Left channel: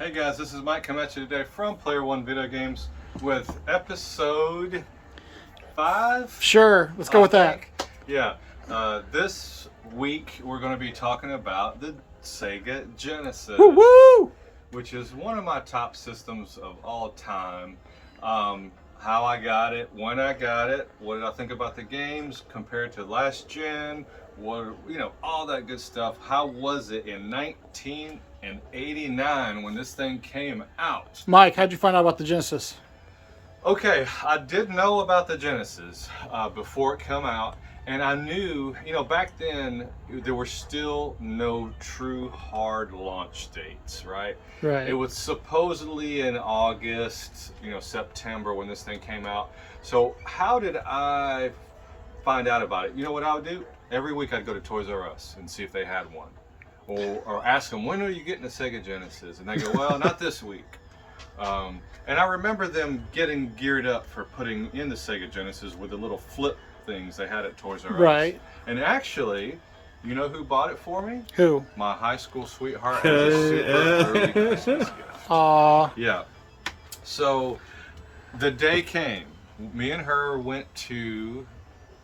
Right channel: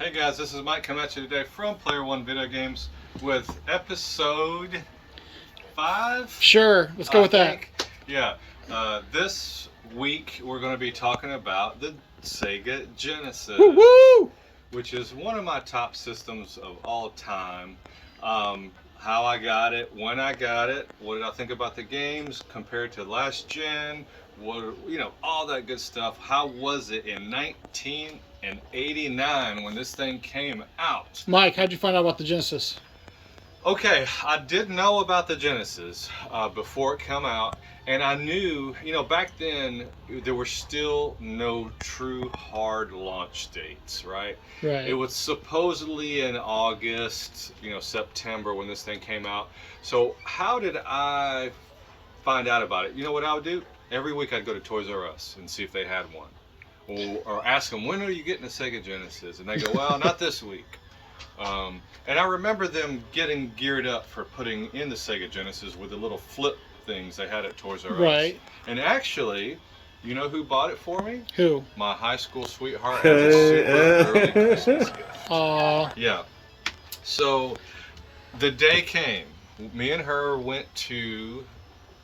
Hey guys, this is Mike coming at you today from Player One Video Games with episode 5. Sure, let's go with that. Yeah, this week we're going to be talking about the Sega Genesis, Woo-woo! which is one of my top systems of all time. How I got it, when I got it, what did I think about the games compared to last gen, all that good stuff. How was it in 1989 when this thing came out? Mike, how'd you find out about the Genesis? Okay, I did know about the Genesis before it came out, and I knew, back then there were still no true hard launch dates, right? Right. It was supposedly in August, September when this thing came out. So how did I find out about it? You know what I would do? Every week I'd go to Toys R Us and see if they had one, or ask them, when are you getting a Sega Genesis? And they go, well, not this week. And I remember them getting geared up for putting in the Sega Genesis with the little flip things they had at Toys R Us. Right. And actually, you know who bought it for me? Who? My high school sweetheart as a super early Christmas gift. Aww. Yeah. So the day came. Me and her went to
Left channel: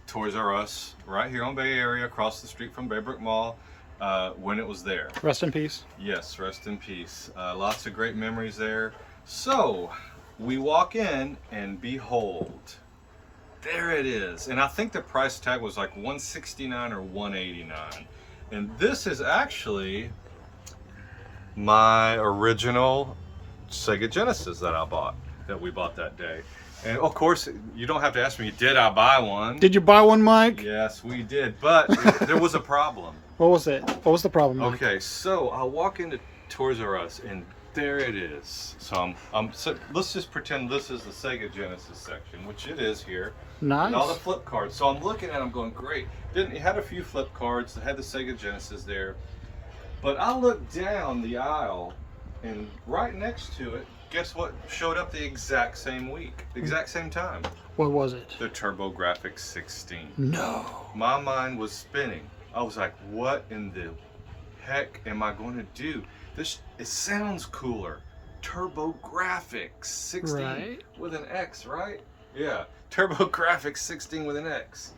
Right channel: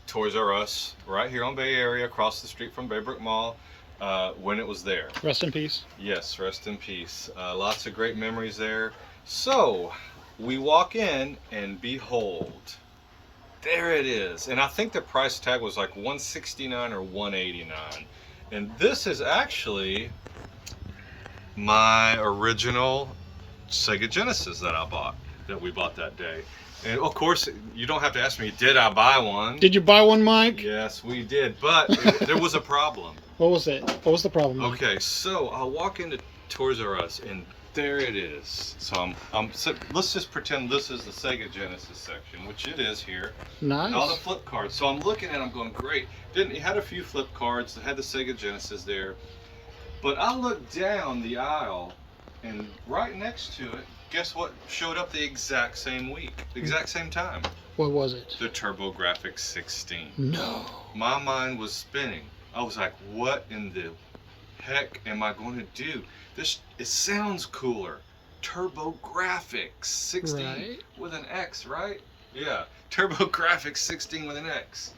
Toys R Us right here on Bay Area, across the street from Baybrook Mall, when it was there. Rest in peace. Yes, rest in peace. Lots of great memories there. So we walk in and behold, there it is. And I think the price tag was like $169 or $189. And this is actually my original Sega Genesis that we bought that day. And of course, you don't have to ask me, did I buy one? Did you buy one, Mike? Yes, we did. But there was a problem. What was it? What was the problem, Mike? Okay, so I walk into Toys R Us and there it is. So so let's just pretend this is the Sega Genesis section, which it is here. Nice. And all the flip cards. So I'm looking at them going, great. It had a few flip cards that had the Sega Genesis there. But I looked down the aisle and right next to it, guess what showed up the exact same week, exact same time? What was it? The TurboGrafx 16. No. My mind was spinning. I was like, what in the heck am I going to do? It sounds cooler. TurboGrafx 16 Right. with an X, right? Yeah, TurboGrafx 16 with an X.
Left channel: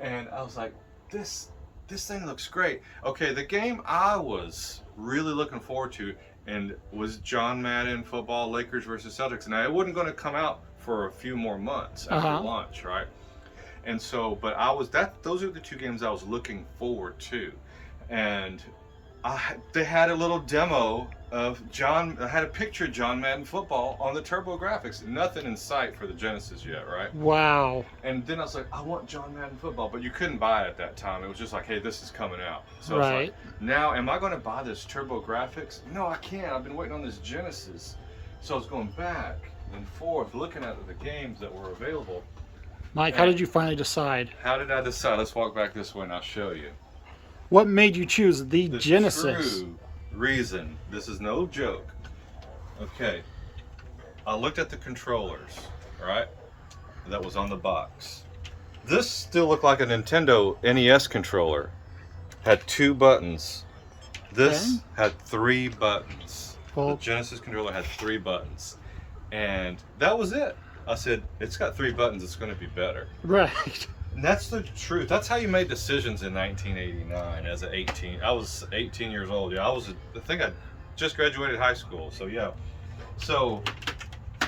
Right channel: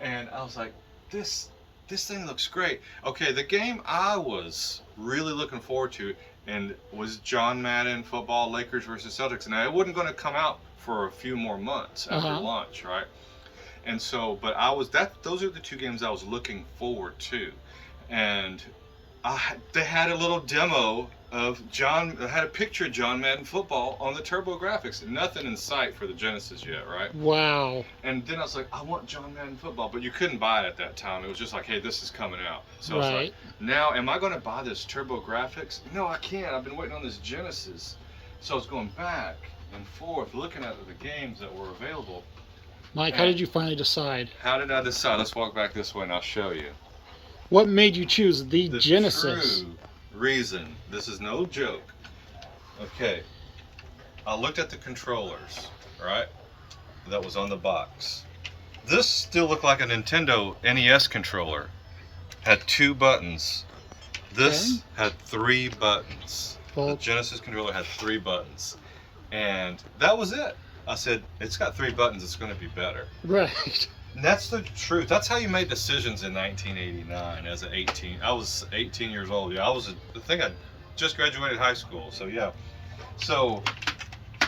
And I was like, this thing looks great. Okay, the game I was really looking forward to and was John Madden football, Lakers versus Celtics. And it wasn't going to come out for a few more months after launch, right? And so, but those are the two games I was looking forward to. And they had a little demo of I had a picture of John Madden football on the TurboGrafx. Nothing in sight for the Genesis yet, right? Wow. And then I was like, I want John Madden football, but you couldn't buy it at that time. It was just like, hey, this is coming out. So Right. I was like, now am I going to buy this TurboGrafx? No, I can't. I've been waiting on this Genesis. So I was going back and forth, looking at the games that were available. Mike, how did you finally decide? How did I decide? Let's walk back this way and I'll show you. What made you choose the The Genesis? true reason, this is no joke. Okay, I looked at the controllers, right? That was on the box. This still looked like a Nintendo NES controller. Had 2 buttons. This had 3 buttons. Well, The Genesis controller had 3 buttons. And that was it. I said, it's got 3 buttons, it's going to be better. right. And that's the truth. That's how you made decisions in 1989 as an 18. I was 18 years old. Yeah, I think I just graduated high school. So yeah. So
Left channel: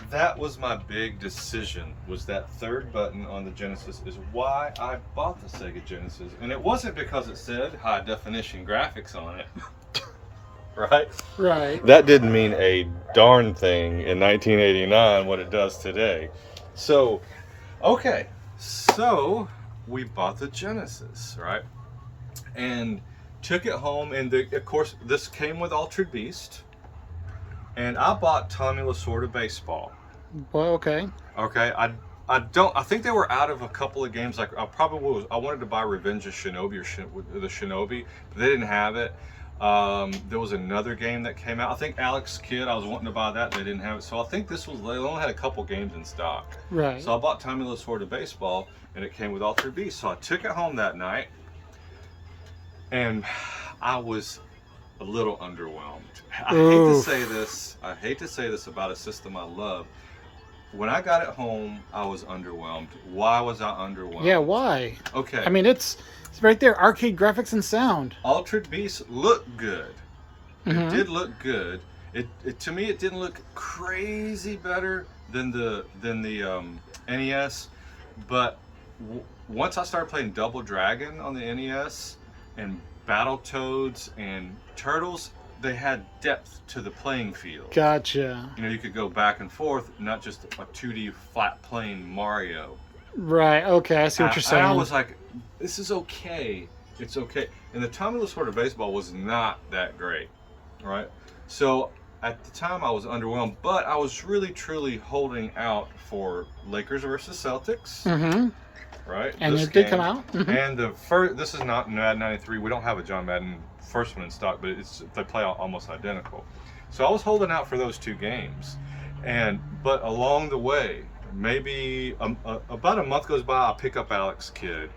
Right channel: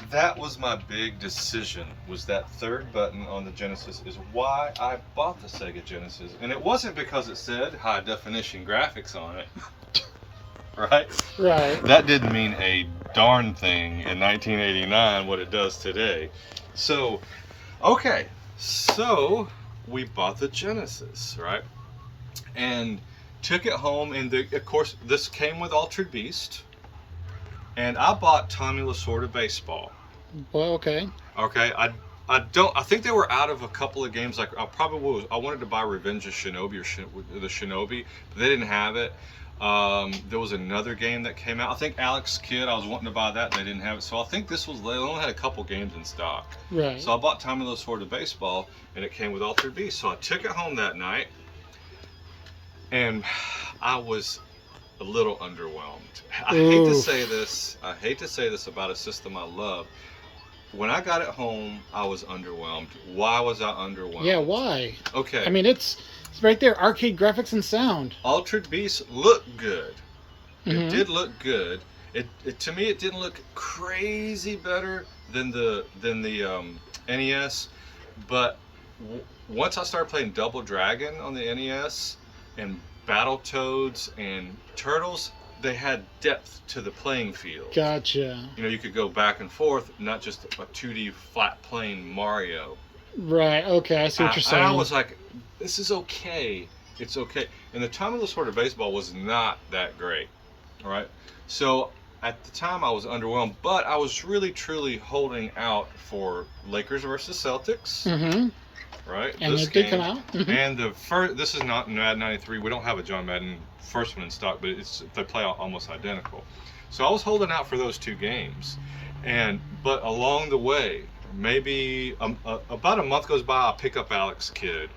that was my big decision, was that 3rd button on the Genesis is why I bought the Sega Genesis. And it wasn't because it said high definition graphics on it. Right? Right. That didn't mean a darn thing in 1989 what it does today. So, okay. So we bought the Genesis, right? And took it home, and of course this came with Altered Beast. And I bought Tommy Lasorda Baseball. Well, okay. Okay, I think they were out of a couple of games. Like I wanted to buy Revenge of Shinobi or the Shinobi, but they didn't have it. There was another game that came out. I think Alex Kidd, I was wanting to buy that. They didn't have it. So I think they only had a couple games in stock. Right. So I bought Tommy Lasorda Baseball, and it came with Altered Beast. So I took it home that night, and I was a little underwhelmed. Oof. I hate to say this about a system I love. When I got it home, I was underwhelmed. Why was I underwhelmed? Yeah, why? Okay. I mean, it's right there. Arcade graphics and sound. Altered Beast looked good. It Mhm. did look good. It to me, it didn't look crazy better than the NES, but once I started playing Double Dragon on the NES and Battletoads and Turtles, they had depth to the playing field. Gotcha. You know, you could go back and forth, not just a 2D flat plane Mario. Right. Okay, I see what you're saying. I was like, this is okay. It's okay. And the Tommy Lasorda baseball was not that great, right? So at the time I was underwhelmed, but I was really truly holding out for Lakers versus Celtics, Mm-hmm. right? And This it did game. come out. Mm-hmm. And the first, this is not Madden 93. We don't have a John Madden first one in stock, but they play almost identical. So I was holding out for those two games, but along the way, maybe about a month goes by, I pick up Alex Kidd.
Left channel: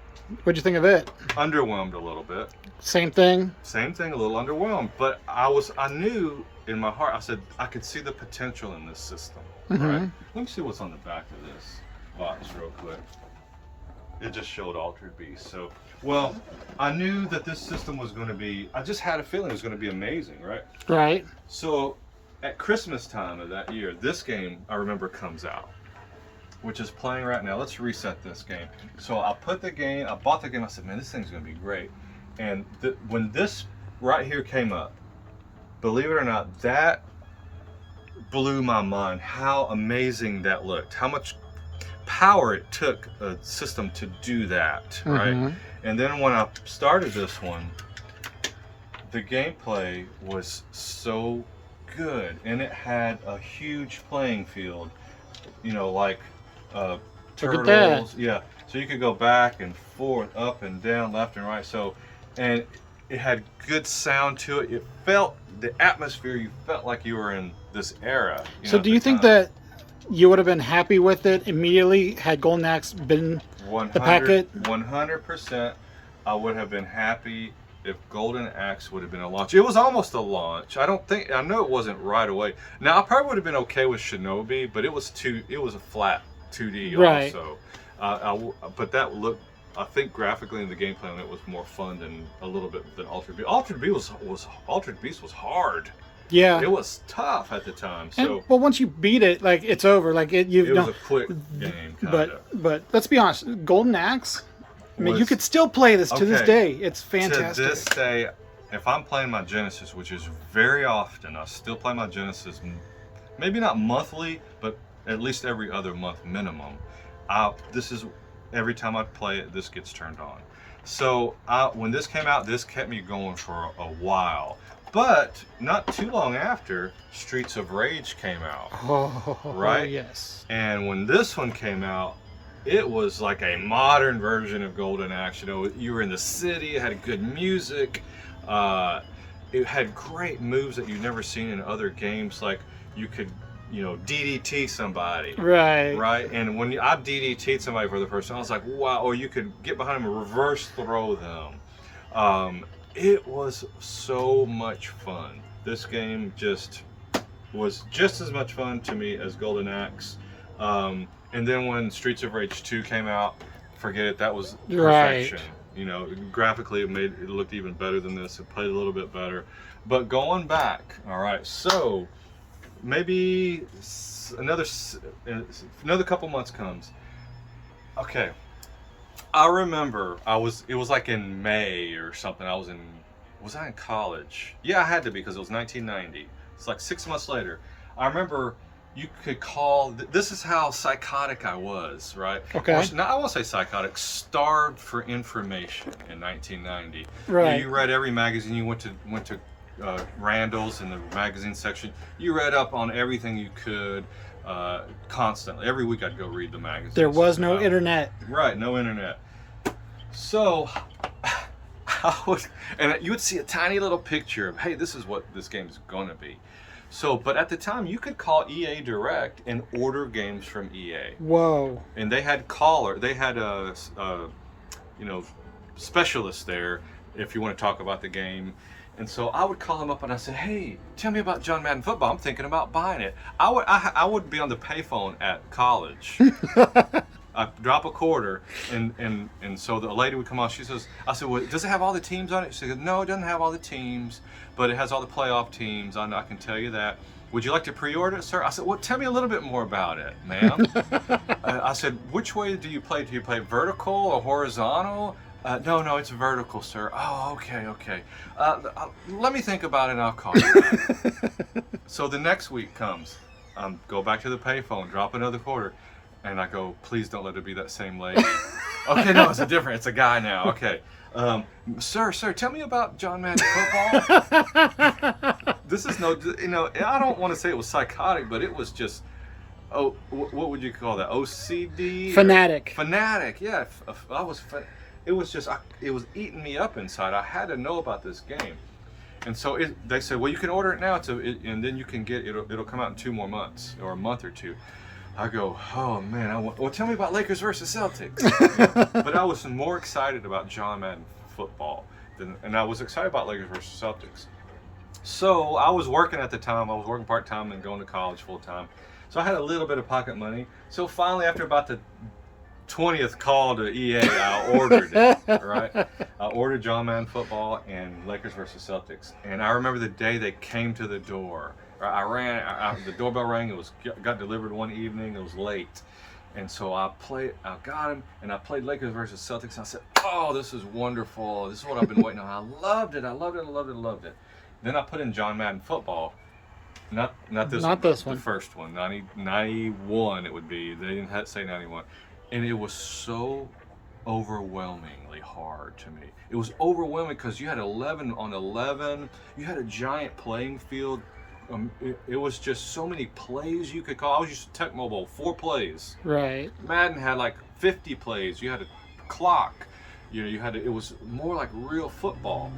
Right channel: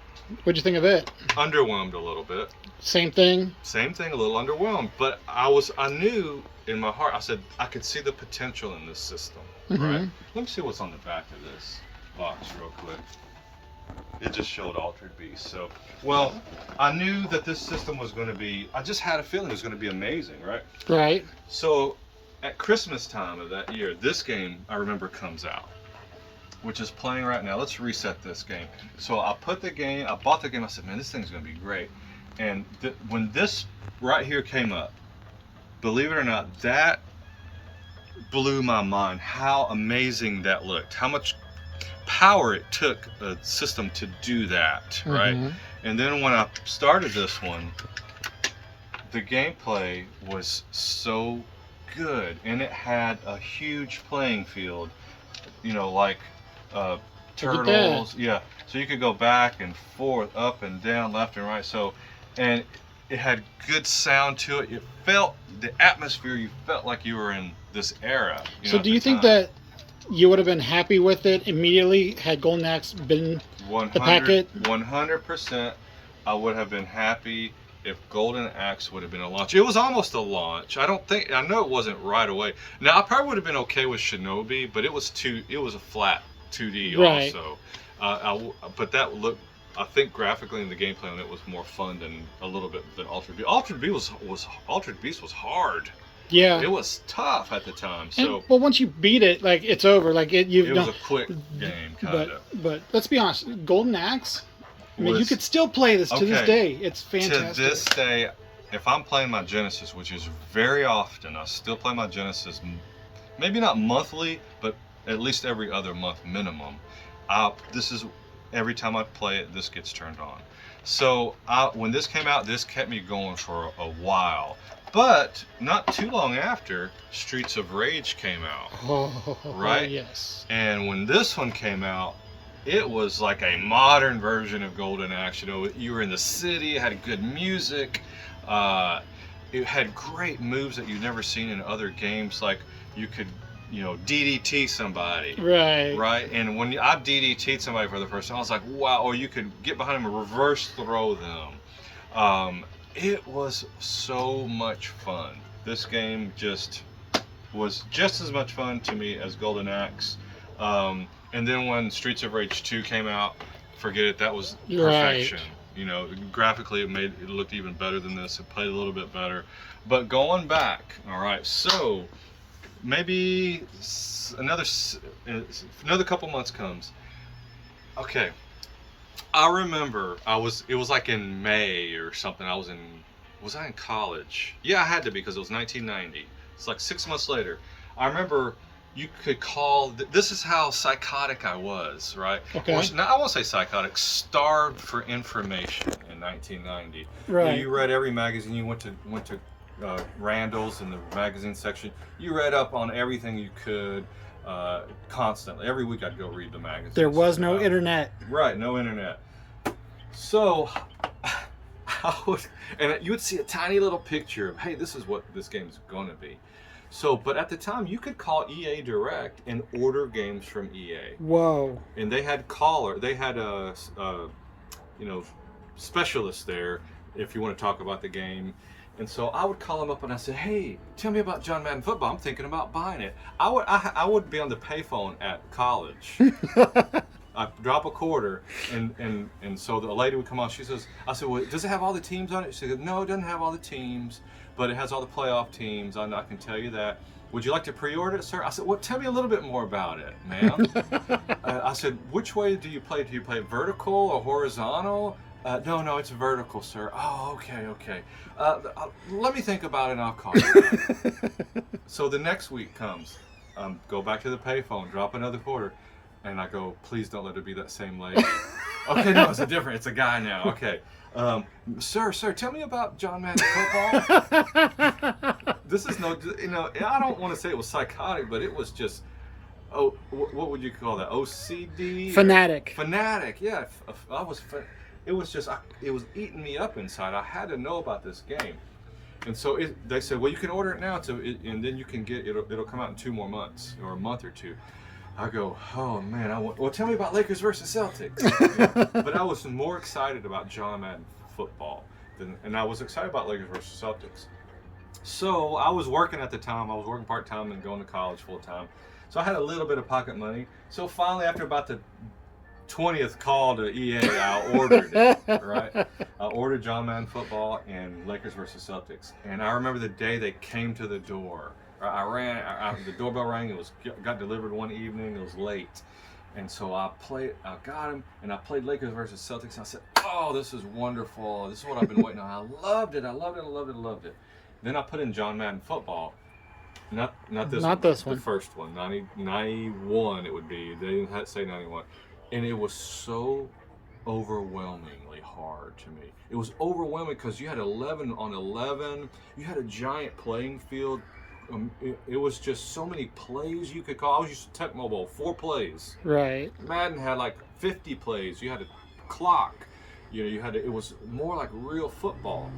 What'd you think of it? Underwhelmed a little bit. Same thing. Same thing, a little underwhelmed. But I knew in my heart, I said I could see the potential in this system. Mm-hmm. Right? Let me see what's on the back of this box real quick. It just showed Altered Beast. So, well, I knew that this system was going to be. I just had a feeling it was going to be amazing, right? Right. So, at Christmas time of that year, this game I remember comes out, which is playing right now. Let's reset this game. So I bought the game. I said, man, this thing's gonna be great. And when this right here came up, believe it or not, that blew my mind. How amazing that looked. How much power it took a system to do that, right? Mhm. And then when I started this one, the gameplay was so good, and it had a huge playing field. You know, like Look at turtles. Yeah. So you could go back and forth, up and down, left and right. So, and it had good sound to it. It felt the atmosphere. You felt like you were in this era. So do you think that you would have been happy with it immediately had Golden Axe been the packet? 100%. I would have been happy if Golden Axe would have been a launch. It was almost a launch. I know it wasn't right away. Now I probably would have been okay with Shinobi, but it was a flat 2D Right. also. But that looked, I think graphically in the gameplay on it was more fun than a little bit than Altered Beast. Altered Beast was hard. Yeah. It was tough at the time. And, So well, once you beat it, like it's over. Like it was a quick game, kinda. But let's be honest, Golden Axe. I mean, you Was- could still play this to this Okay. day. It's fantastic. To this day, if I'm playing my Genesis, which is very often, I still play my Genesis, maybe not monthly, but at least every other month minimum. This is every time I play it, this gets turned on. So when this came out, this kept me going for a while. But not too long after, Streets of Rage came out. Oh, Right? yes. And when this one came out, it was like a modern version of Golden Axe. You know, you were in the city, it had good music, it had great moves that you've never seen in other games. Like you could, DDT somebody. Right. Right? And when I DDT'd somebody for the first time, I was like, wow, or you could get behind them and reverse throw them. It was so much fun. This game was just as much fun to me as Golden Axe. And then when Streets of Rage 2 came out, forget it, that was perfection. Right. You know, graphically it looked even better than this. It played a little bit better. But going back, all right, so maybe another couple months comes. Okay. I remember it was like in May or something. Was I in college? Yeah, I had to be because it was 1990. It's like 6 months later. I remember you could call, this is how psychotic I was, right? Okay. Now, I won't say psychotic, starved for information in 1990. Right. You read every magazine. You went to Randall's in the magazine section. You read up on everything you could constantly. Every week I'd go read the magazine. There was no internet. Right, no internet. So, and you would see a tiny little picture of, hey, this is what this game is going to be. So, but at the time, you could call EA Direct and order games from EA. Whoa. And they had specialists there if you want to talk about the game. And so I would call him up and I said, hey, tell me about John Madden football. I'm thinking about buying it. I would be on the payphone at college. I drop a quarter, and so the lady would come on. I said, well, does it have all the teams on it? She said, no, it doesn't have all the teams, but it has all the playoff teams. I can tell you that. Would you like to pre-order it, sir? I said, well, tell me a little bit more about it, ma'am. I said, which way do you play? Do you play vertical or horizontal? No, it's vertical, sir. Oh, okay. Let me think about it and I'll call you. So the next week comes. Go back to the payphone, drop another quarter, and I go, please don't let it be that same lady. Okay, no, it's a guy now. Okay. Sir, tell me about John Madden football. This is I don't want to say it was psychotic, but it was just, what would you call that? OCD? Fanatic, yeah. It was just, it was eating me up inside. I had to know about this game. And so they said, well, you can order it now, and then you can get it. It'll come out in 2 more months or a month or 2. I go, oh man, well, tell me about Lakers versus Celtics. But I was more excited about John Madden football and I was excited about Lakers versus Celtics. So I was working at the time. I was working part-time and going to college full-time. So I had a little bit of pocket money. So finally, after about the 20th call to EA, I ordered it, right? I ordered John Madden football and Lakers versus Celtics. And I remember the day they came to the door. I ran, the doorbell rang, got delivered one evening, it was late. And so I got him, and I played Lakers versus Celtics, and I said, oh, this is wonderful. This is what I've been waiting on. I loved it. Then I put in John Madden football. Not this one. The first one, 91 it would be. They didn't say 91. And it was so overwhelmingly hard to me. It was overwhelming because you had 11 on 11. You had a giant playing field. It was just so many plays you could call. I was used to Tech Mobile, 4 plays. Right. Madden had like 50 plays. You had a clock. It was more like real football.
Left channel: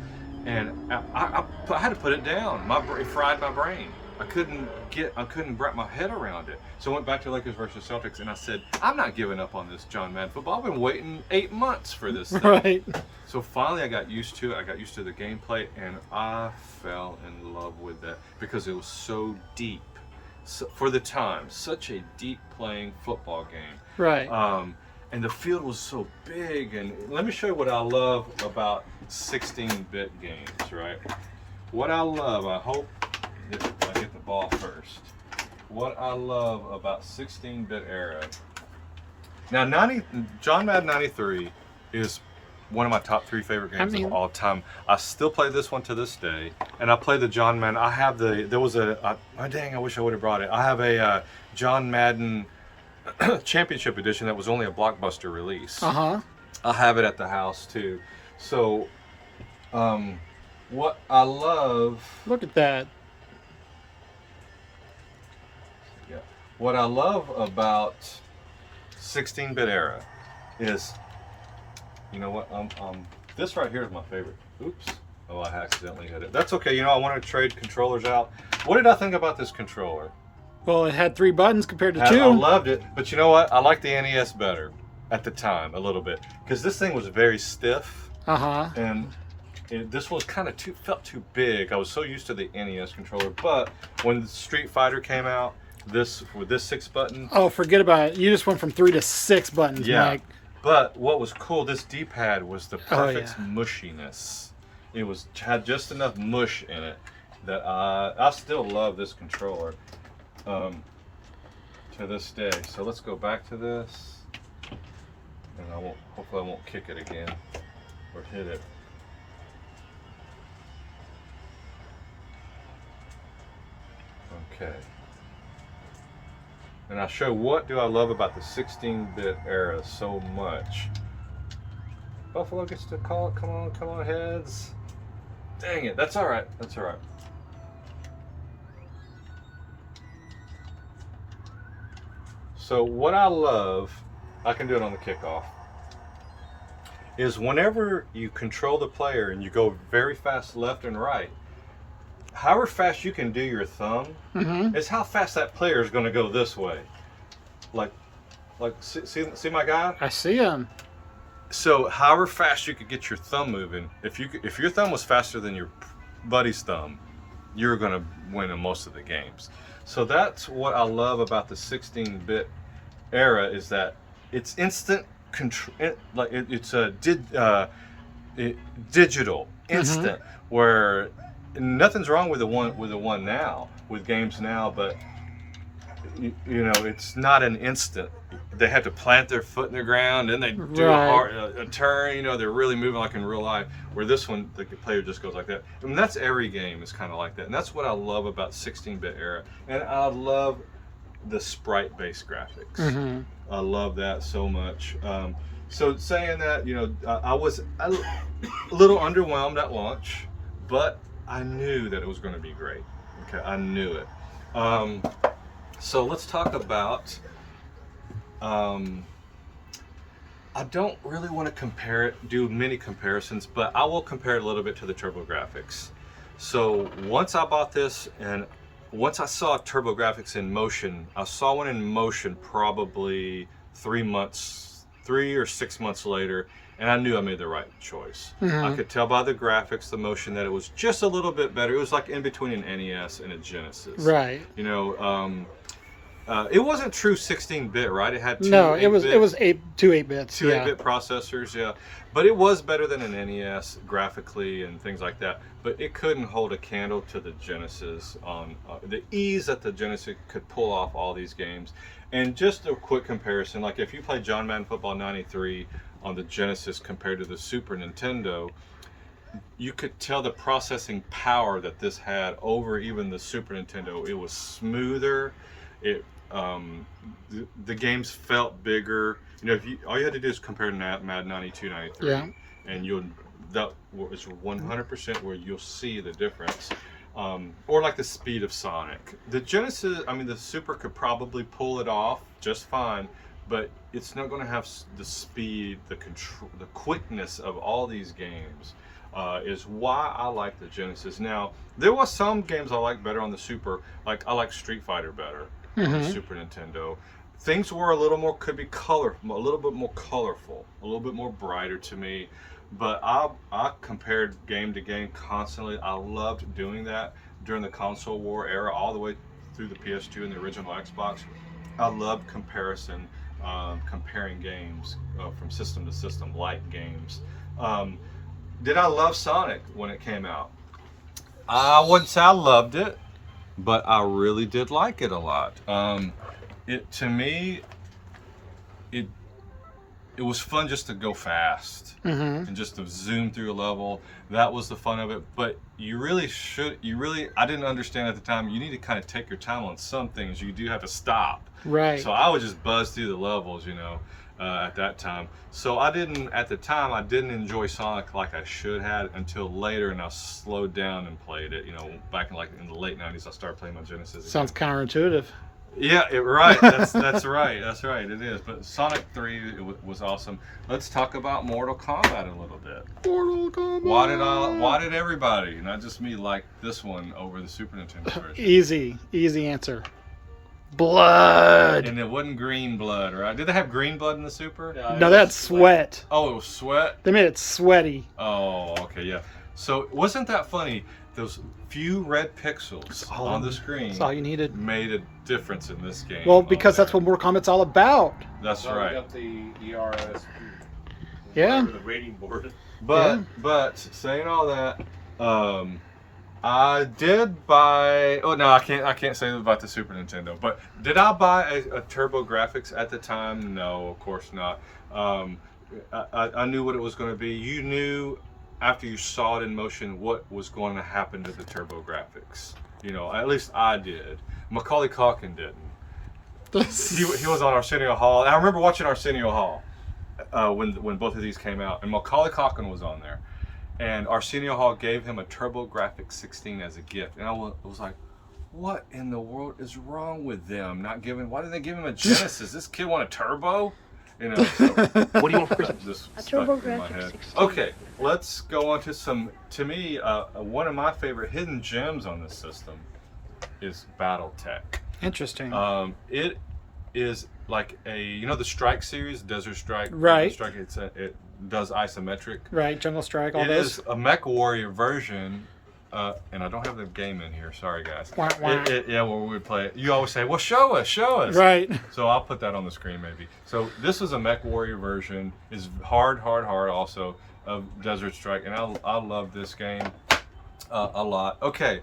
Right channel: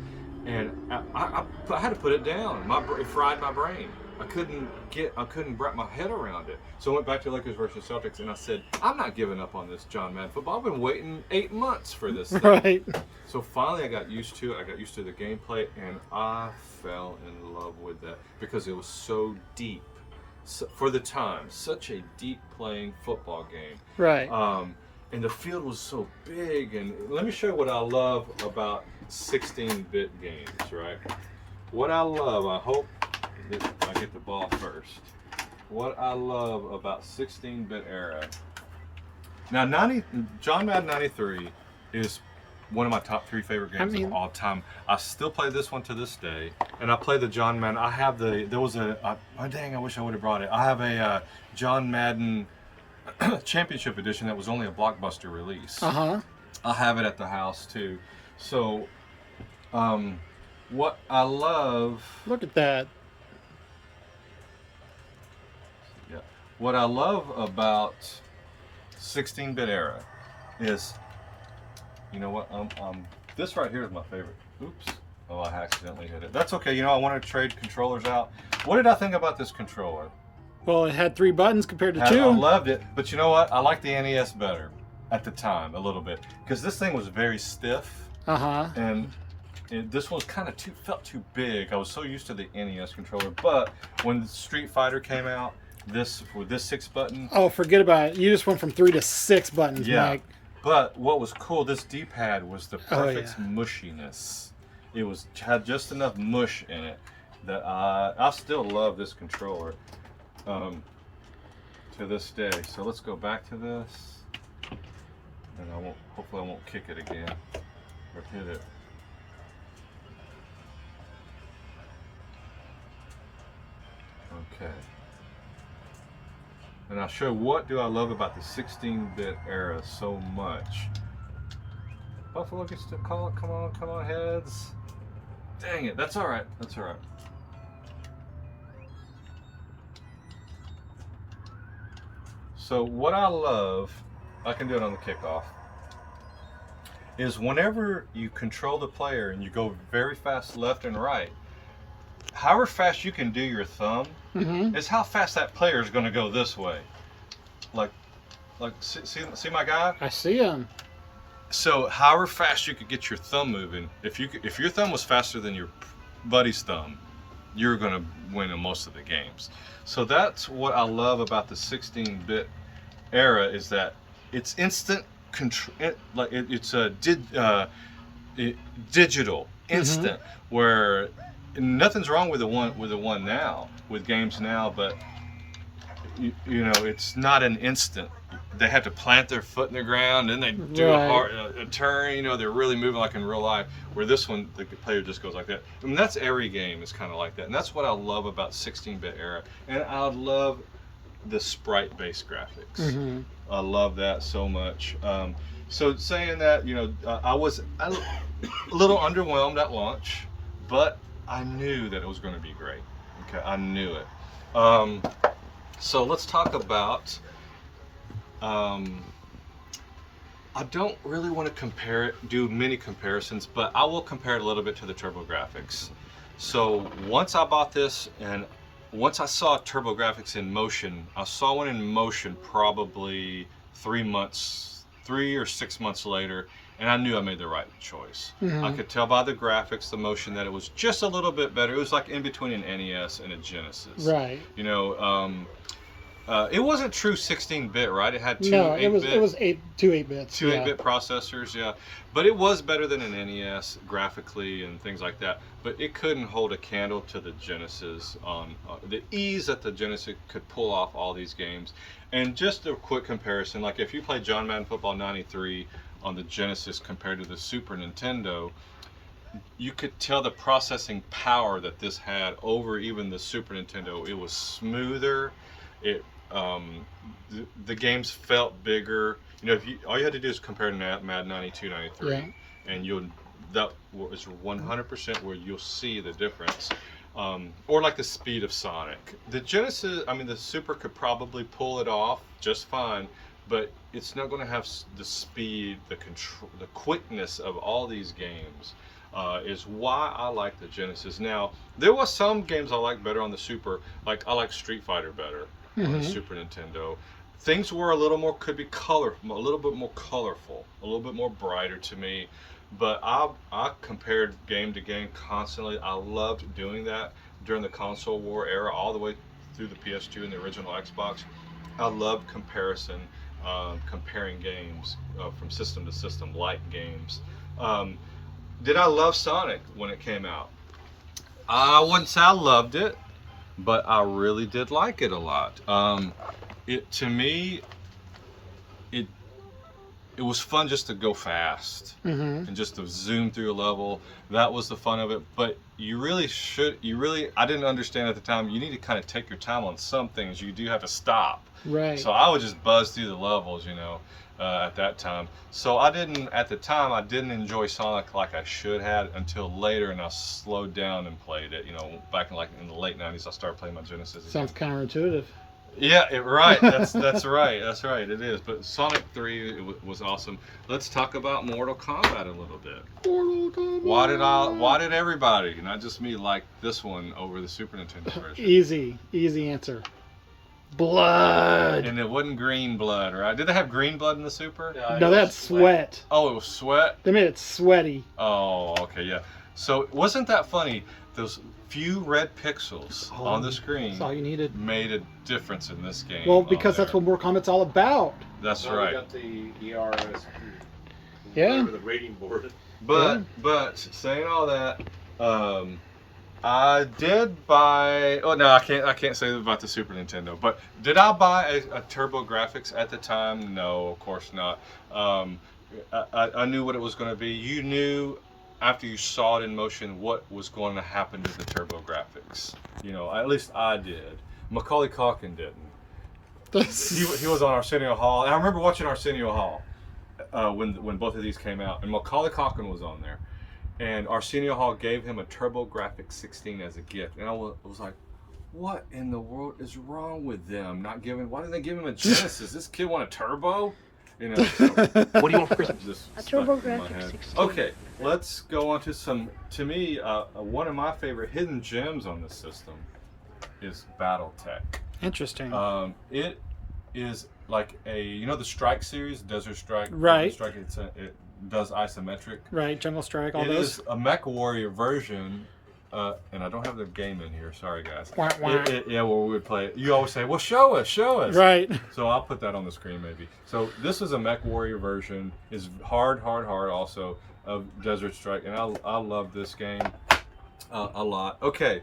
And I had to put it down. It fried my brain. I couldn't wrap my head around it. So I went back to Lakers versus Celtics, and I said, I'm not giving up on this John Madden football. I've been waiting 8 months for this thing. Right. So finally I got used to it. I got used to the gameplay, and I fell in love with that because it was so deep. So, for the time, such a deep playing football game. Right. And the field was so big. And let me show you what I love about 16-bit games, right? What I love, I hope that I get the ball first. What I love about 16-bit era. Now, John Madden 93 is one of my top 3 favorite games of all time. I still play this one to this day, and I play the John Madden. I have I wish I would have brought it. I have a John Madden Championship Edition that was only a Blockbuster release. Uh-huh. I have it at the house too. So, what I love. Look at that. Yeah. What I love about 16-bit era is, you know what? This right here is my favorite. Oops. Oh, I accidentally hit it. That's okay. I want to trade controllers out. What did I think about this controller? Well, it had 3 buttons compared to 2. I loved it, but you know what? I liked the NES better at the time a little bit because this thing was very stiff. And this one felt too big. I was so used to the NES controller, but when Street Fighter came out, with this 6 button. Oh, forget about it. You just went from 3 to 6 buttons, Mike. But what was cool, this D-pad was the perfect mushiness. It had just enough mush in it that I still love this controller to this day. So let's go back to this, and hopefully I won't kick it again or hit it. Okay. And I'll show what do I love about the 16-bit era so much. Buffalo gets to call it. Come on, heads. Dang it, that's all right. So what I love, I can do it on the kickoff, is whenever you control the player and you go very fast left and right, however fast you can do your thumb is how fast that player is going to go this way. Like see my guy? I see him. So however fast you could get your thumb moving, if your thumb was faster than buddy's thumb, you're going to win in most of the games. So that's what I love about the 16-bit era, is that it's instant control. It's a digital instant, where nothing's wrong with the one now, with games now, but you know, it's not an instant. They have to plant their foot in the ground, and they do a turn. You know, they're really moving like in real life. Where this one, the player just goes like that. I mean, that's every game is kind of like that, and that's what I love about 16-bit era. And I love the sprite-based graphics. I love that so much. So saying that, you know, I was a little underwhelmed at launch, but I knew that it was going to be great. Okay, I knew it. So let's talk about. I don't really want to do many comparisons, but I will compare it a little bit to the TurboGrafx. So once I bought this, and once I saw TurboGrafx in motion, I saw one in motion probably 3 or 6 months later, and I knew I made the right choice. I could tell by the graphics, the motion, that it was just a little bit better. It was like in between an NES and a Genesis. Right. You know, it wasn't true 16-bit, right? It had two. No, it was 8 bits. Two 8-bit processors, yeah. But it was better than an NES graphically and things like that. But it couldn't hold a candle to the Genesis on the ease that the Genesis could pull off all these games. And just a quick comparison, like if you play John Madden Football 93 on the Genesis compared to the Super Nintendo, you could tell the processing power that this had over even the Super Nintendo. It was smoother. It the games felt bigger. You know, all you had to do is compare Madden 92, 93, and that is 100% where you'll see the difference. Or like the speed of Sonic. The Genesis, I mean, the Super could probably pull it off just fine, but it's not going to have the speed, the control, the quickness of all these games. Is why I like the Genesis. Now, there was some games I like better on the Super. Like I like Street Fighter better on the Super Nintendo. Things were a little more, could be colorful, a little bit more colorful, a little bit more brighter to me. But I compared game to game constantly. I loved doing that during the console war era, all the way through the PS2 and the original Xbox. I loved comparing games from system to system, like games. Did I love Sonic when it came out? I wouldn't say I loved it, but I really did like it a lot. To me, it was fun just to go fast and just to zoom through a level. That was the fun of it. But I didn't understand at the time, you need to kind of take your time on some things. You do have to stop. Right. So I would just buzz through the levels, you know, at that time. So at the time, I didn't enjoy Sonic like I should have until later, and I slowed down and played it. You know, back in the late 90s, I started playing my Genesis. Sounds counterintuitive. Yeah, right. That's right. That's right. It is. But Sonic 3 was awesome. Let's talk about Mortal Kombat a little bit. Mortal Kombat. Why did everybody, not just me, like this one over the Super Nintendo version? Easy answer. Blood. And it wasn't green blood, right? Did they have green blood in the Super? Yeah, no, that's sweat. Oh, it was sweat? They made it sweaty. Oh, okay, yeah. So wasn't that funny? Those few red pixels on the screen, that's all you needed, made a difference in this game. Well, because that's what Mortal Kombat's all about. That's right. We got the ERS. Yeah. The rating board. But saying all that, I did buy. Oh no, I can't say about the Super Nintendo. But did I buy a TurboGrafx at the time? No, of course not. I knew what it was going to be. You knew after you saw it in motion what was going to happen to the TurboGrafx. You know, at least I did. Macaulay Culkin didn't. He was on Arsenio Hall. And I remember watching Arsenio Hall when both of these came out, and Macaulay Culkin was on there. And Arsenio Hall gave him a TurboGrafx 16 as a gift, and I was like, "What in the world is wrong with them? Why didn't they give him a Genesis? This kid want a turbo?" You know. So, what do you want for Christmas? A TurboGrafx 16. Okay, let's go on to some. To me, one of my favorite hidden gems on this system is BattleTech. Interesting. It is like the Strike series, Desert Strike. Right. Strike. It does isometric. Right. Jungle Strike. All it those. It is a Mech Warrior version and I don't have the game in here. Sorry, guys. Wah, wah. Yeah, where we would play it. You always say, "Well, show us." Right. So I'll put that on the screen maybe. So this is a Mech Warrior version. Is hard also of Desert Strike, and I love this game a lot. Okay,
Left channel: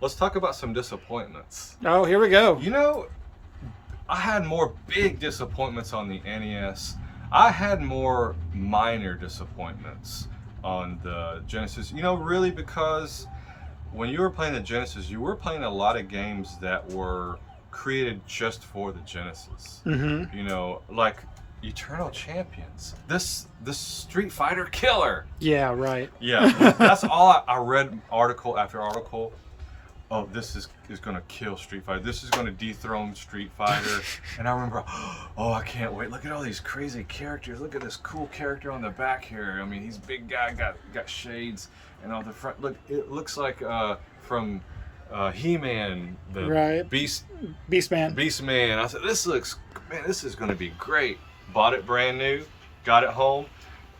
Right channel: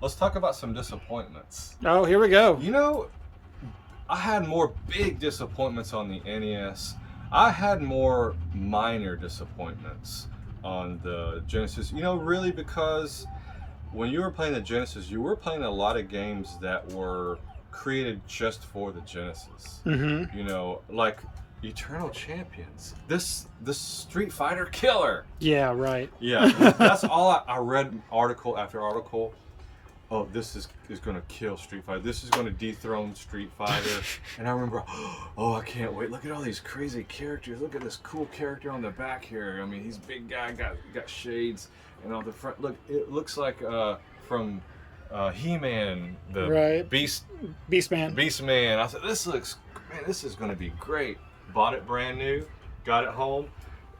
let's talk about some disappointments. Oh, here we go. You know, I had more big disappointments on the NES. I had more minor disappointments on the Genesis. You know, really, because when you were playing the Genesis, you were playing a lot of games that were created just for the Genesis. Mm-hmm. You know, like Eternal Champions. This Street Fighter killer. Yeah, right. Yeah, that's all I read article after article. Oh, this is going to kill Street Fighter. This is going to dethrone Street Fighter. And I remember, oh, I can't wait. Look at all these crazy characters. Look at this cool character on the back here. I mean, he's a big guy, got shades, and on the front, look, it looks like from He-Man, the Right. Beastman. Beastman. I said, this is going to be great. Bought it brand new, got it home,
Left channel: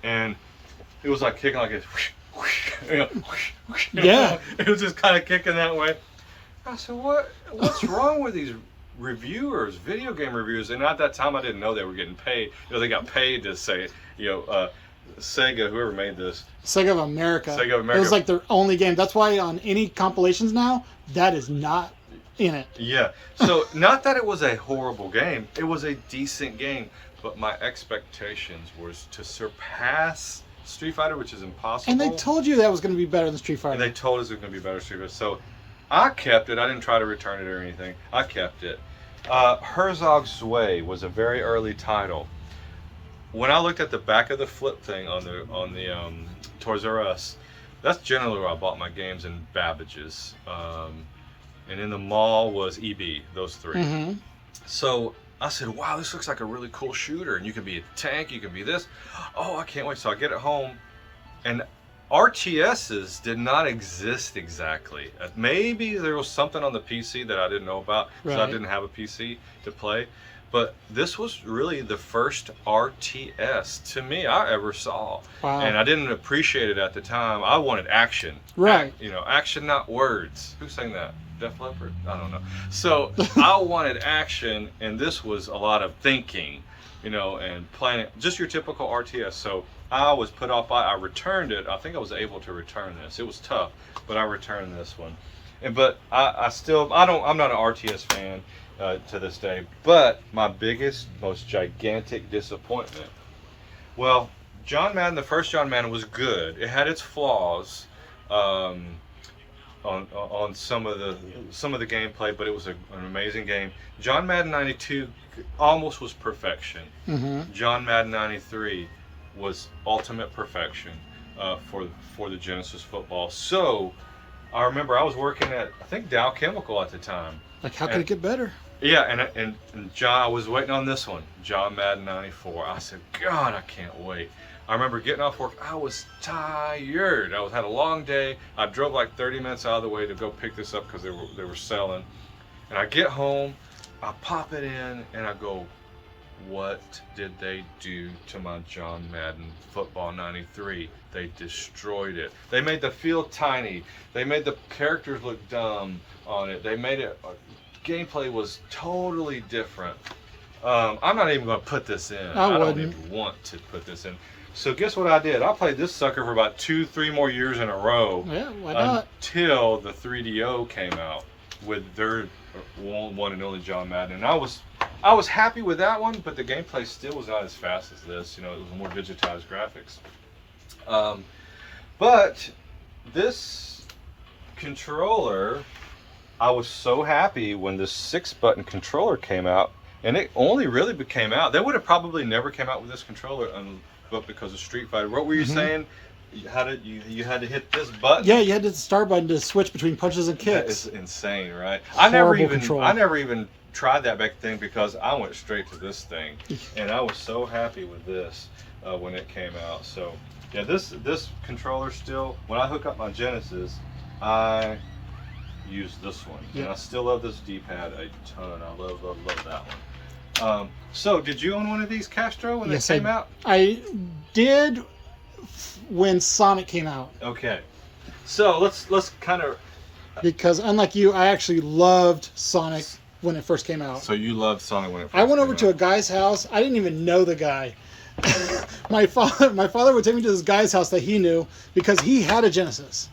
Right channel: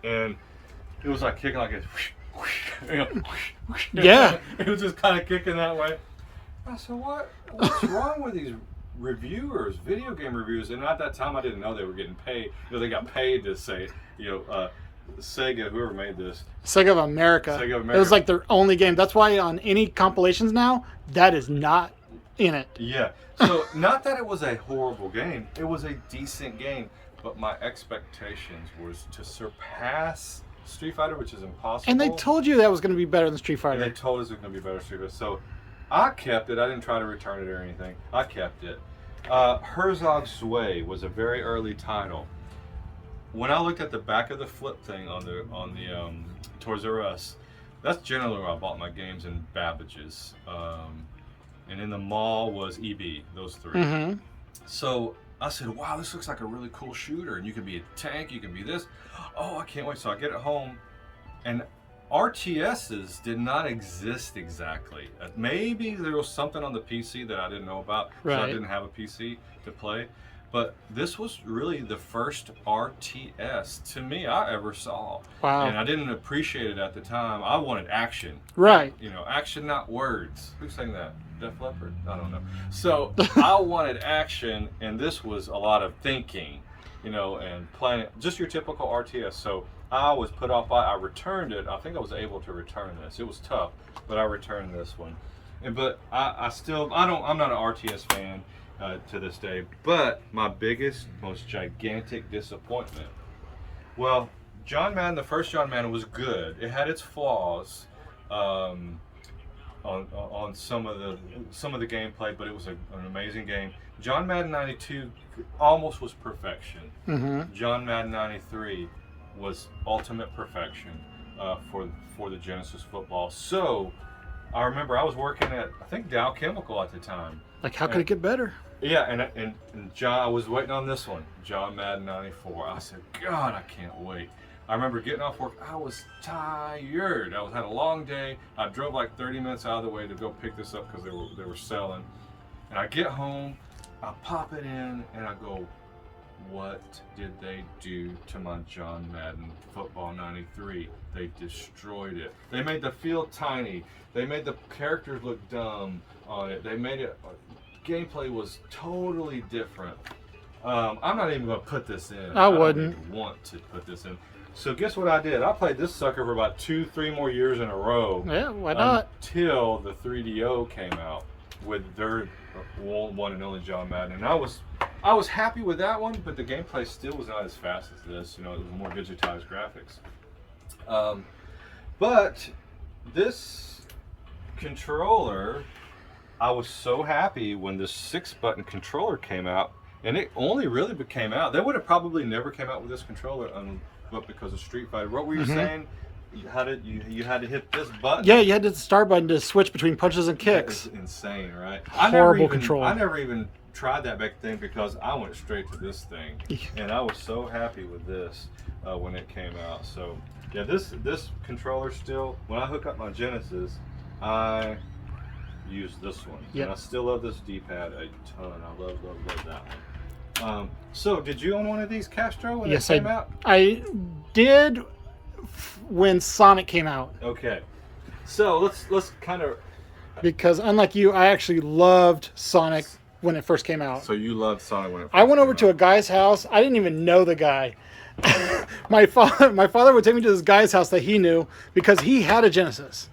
and it was like kicking like a Yeah. It was just kind of kicking that way. I said, what's wrong with these reviewers, video game reviewers? And at that time, I didn't know they were getting paid. You know, they got paid to say, Sega, whoever made this. Sega of America. Sega of America. It was like their only game. That's why on any compilations now, that is not in it. Yeah. So not that it was a horrible game. It was a decent game. But my expectations was to surpass Street Fighter, which is impossible. And they told you that was going to be better than Street Fighter. And they told us it was going to be better Street Fighter. So I kept it. I didn't try to return it or anything. I kept it. Herzog's Way was a very early title. When I looked at the back of the flip thing on the Toys R Us, that's generally where I bought my games in Babbage's. And in the mall was EB, those three. Mm-hmm. So I said, wow, this looks like a really cool shooter, and you can be a tank, you can be this. Oh, I can't wait. So I get it home, and RTSs did not exist exactly. Maybe there was something on the PC that I didn't know about, because I Right. didn't have a PC to play. But this was really the first RTS to me I ever saw. Wow. And I didn't appreciate it at the time. I wanted action. Right. You know, action, not words. Who sang that? Def Leppard? I don't know. So I wanted action, and this was a lot of thinking, you know, and planning. Just your typical RTS. So I was put off by. I returned it. I think I was able to return this. It was tough, but I returned this one. But I'm not an RTS fan to this day. But my biggest, most gigantic disappointment. Well, John Madden, the first John Madden was good. It had its flaws. On some of the gameplay, but it was an amazing game. John Madden 92 almost was perfection. Mm-hmm. John Madden 93 was ultimate perfection for the Genesis football. So I remember I was working at, I think, Dow Chemical at the time. Like, how could it get better? Yeah, and John, I was waiting on this one, John Madden 94. I said, God, I can't wait. I remember getting off work, I was tired. I had a long day. I drove like 30 minutes out of the way to go pick this up because they were selling. And I get home, I pop it in, and I go, what did they do to my John Madden Football 93? They destroyed it. They made the field tiny. They made the characters look dumb on it. They made it, gameplay was totally different. I'm not even going to put this in. I don't wouldn't even want to put this in. So guess what I did? I played this sucker for about 2-3 more years in a row. Yeah, why not? Until the 3DO came out with their one and only John Madden. And I was happy with that one, but the gameplay still was not as fast as this. You know, it was more digitized graphics. But this controller, I was so happy when this 6-button controller came out, and it only really came out. They would have probably never came out with this controller but because of Street Fighter. What were you saying? You had to hit this button? Yeah, you had the start button to switch between punches and kicks. It's insane, right? Horrible control. I never even tried that back then because I went straight to this thing, and I was so happy with this when it came out. So yeah, this controller still, when I hook up my Genesis, I use this one. Yep. And I still love this D-pad a ton. I love that one. So did you own one of these, Castro, when Yes, it came out? I did when Sonic came out. Okay. So let's kind of. Because unlike you, I actually loved Sonic when it first came out. So you loved Sonic when it first I went came over to a out. guy's house. I didn't even know the guy. My father would take me to this guy's house that he knew because he had a Genesis,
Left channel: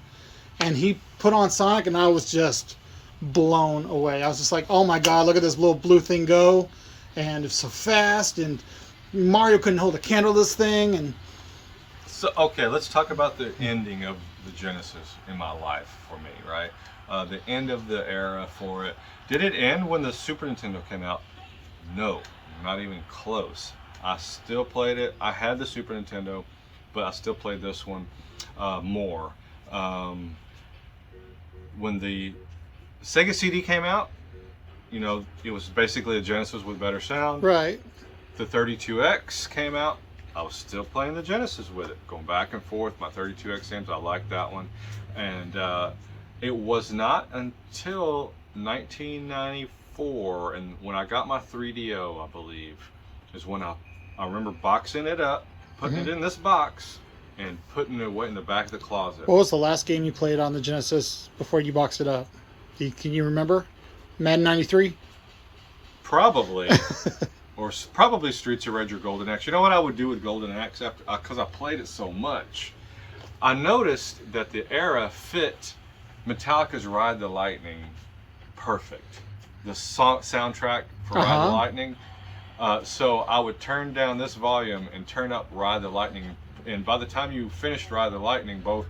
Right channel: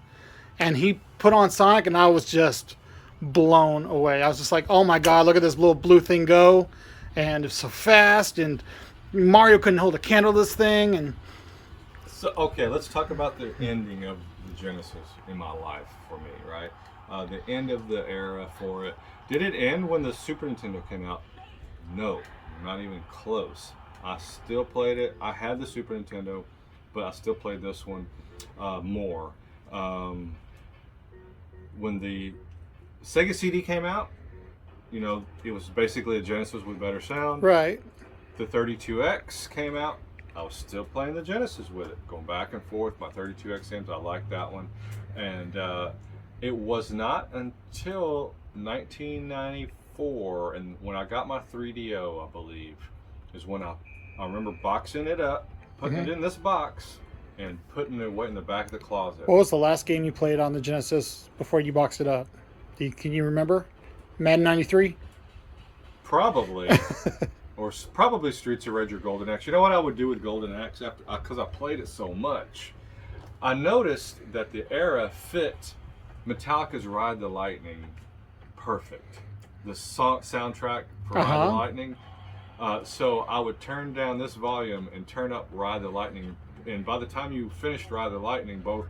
and he put on Sonic, and I was just blown away. I was just like, "Oh my God, look at this little blue thing go, and it's so fast." And Mario couldn't hold a candle to this thing, and So okay, let's talk about the ending of the Genesis in my life for me, right? The end of the era for it. Did it end when the Super Nintendo came out? No, not even close. I still played it. I had the Super Nintendo, but I still played this one more. When the Sega CD came out, you know, it was basically a Genesis with better sound. right. The 32X came out. I was still playing the Genesis with it, going back and forth. My 32X games, I liked that one. And it was not until 1994, and when I got my 3DO, I believe, is when I remember boxing it up, putting it in this box, and putting it away in the back of the closet. What was the last game you played on the Genesis before you boxed it up? Can you remember? Madden 93? Probably. Or probably Streets of Rage or Golden Axe. You know what I would do with Golden Axe after, because I played it so much. I noticed that the era fit Metallica's Ride the Lightning perfect. The soundtrack for Ride the Lightning. So I would turn down this volume and turn up Ride the Lightning. And by the time you finished Ride the Lightning, both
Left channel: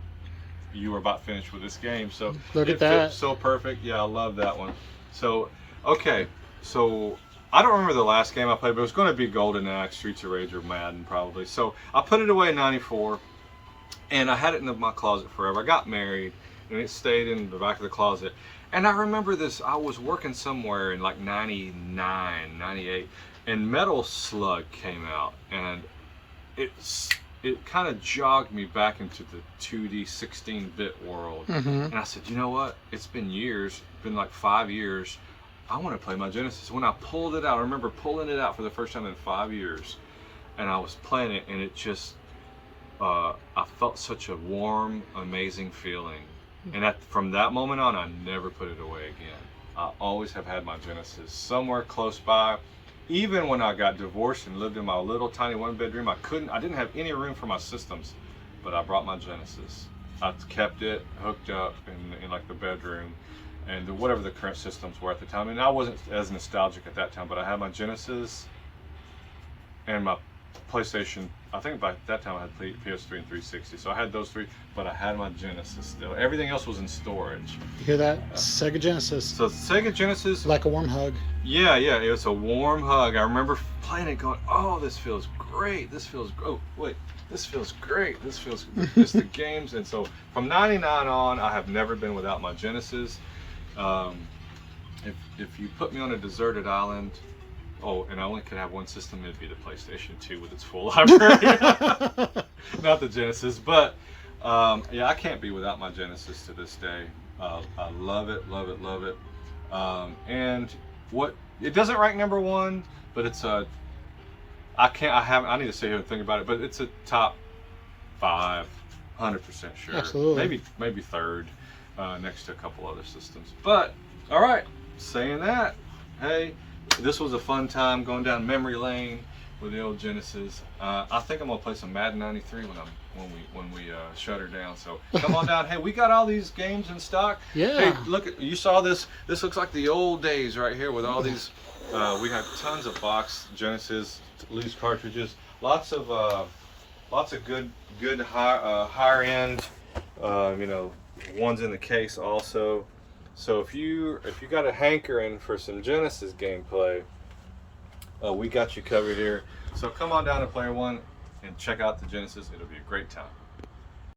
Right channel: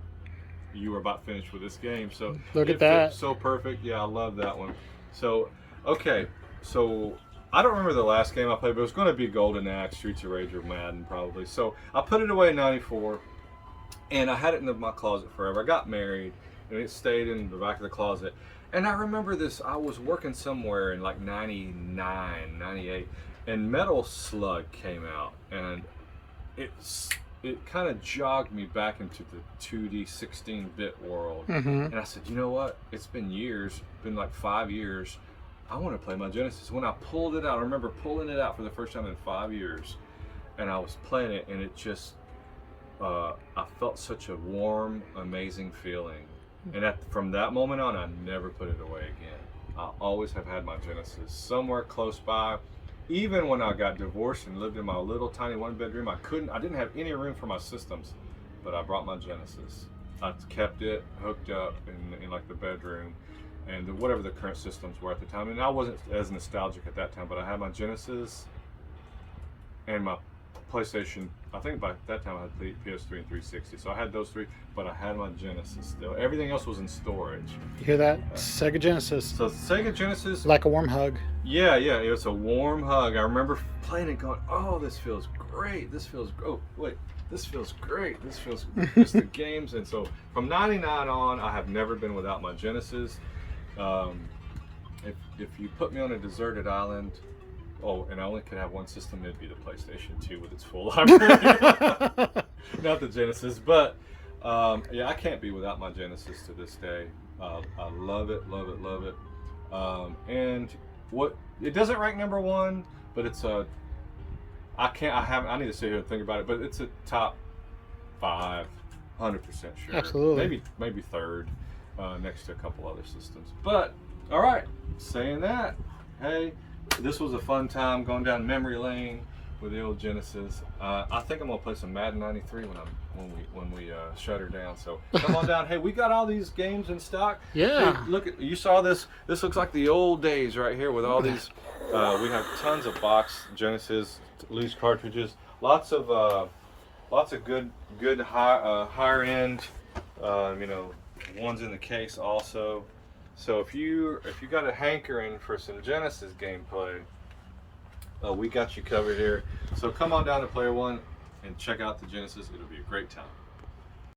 you were about finished with this game. So Look at it that. fit so perfect. Yeah, I love that one. So, okay. So I don't remember the last game I played, but it was going to be Golden Axe, Streets of Rage, or Madden probably. So I put it away in '94, and I had it in my closet forever. I got married, and it stayed in the back of the closet. And I remember this, I was working somewhere in like 99, 98, and Metal Slug came out, and it kind of jogged me back into the 2D 16-bit world. And I said, you know what? It's been years, been like 5 years. I want to play my Genesis. When I pulled it out, I remember pulling it out for the first time in 5 years, and I was playing it, and it just, I felt such a warm, amazing feeling. And from that moment on, I never put it away again. I always have had my Genesis somewhere close by. Even when I got divorced and lived in my little tiny one-bedroom, I didn't have any room for my systems, but I brought my Genesis. I kept it hooked up in like the bedroom, and whatever the current systems were at the time. And I wasn't as nostalgic at that time, but I had my Genesis and my PlayStation. I think by that time I had PS3 and 360, so I had those three, but I had my Genesis still. Everything else was in storage. You hear that? Sega Genesis. So Sega Genesis, Like a warm hug. yeah, it was a warm hug. I remember playing it going, oh, this feels great. This feels, oh, wait, this feels great. This feels, just the games. And so from 99 on, I have never been without my Genesis. If you put me on a deserted island, oh, and I only could have one system, it'd be the PlayStation 2 with its full library. Not the Genesis, but yeah, I can't be without my Genesis to this day. I love it, love it, love it. And it doesn't rank number one, but it's I need to sit here and think about it, but it's a top 5, 100% sure. Absolutely. Maybe third, next to a couple other systems. But all right, saying that, hey, this was a fun time going down memory lane with the old Genesis. I think I'm gonna play some Madden 93 when we shut her down. So come on down. Hey, we got all these games in stock. Yeah. Hey, look, you saw this. This looks like the old days right here with all these. We have tons of box Genesis, loose cartridges, lots of good higher end, ones in the case also. So if you got a hankering for some Genesis gameplay, we got you covered here. So come on down to Player One and check out the Genesis. It'll be a great time.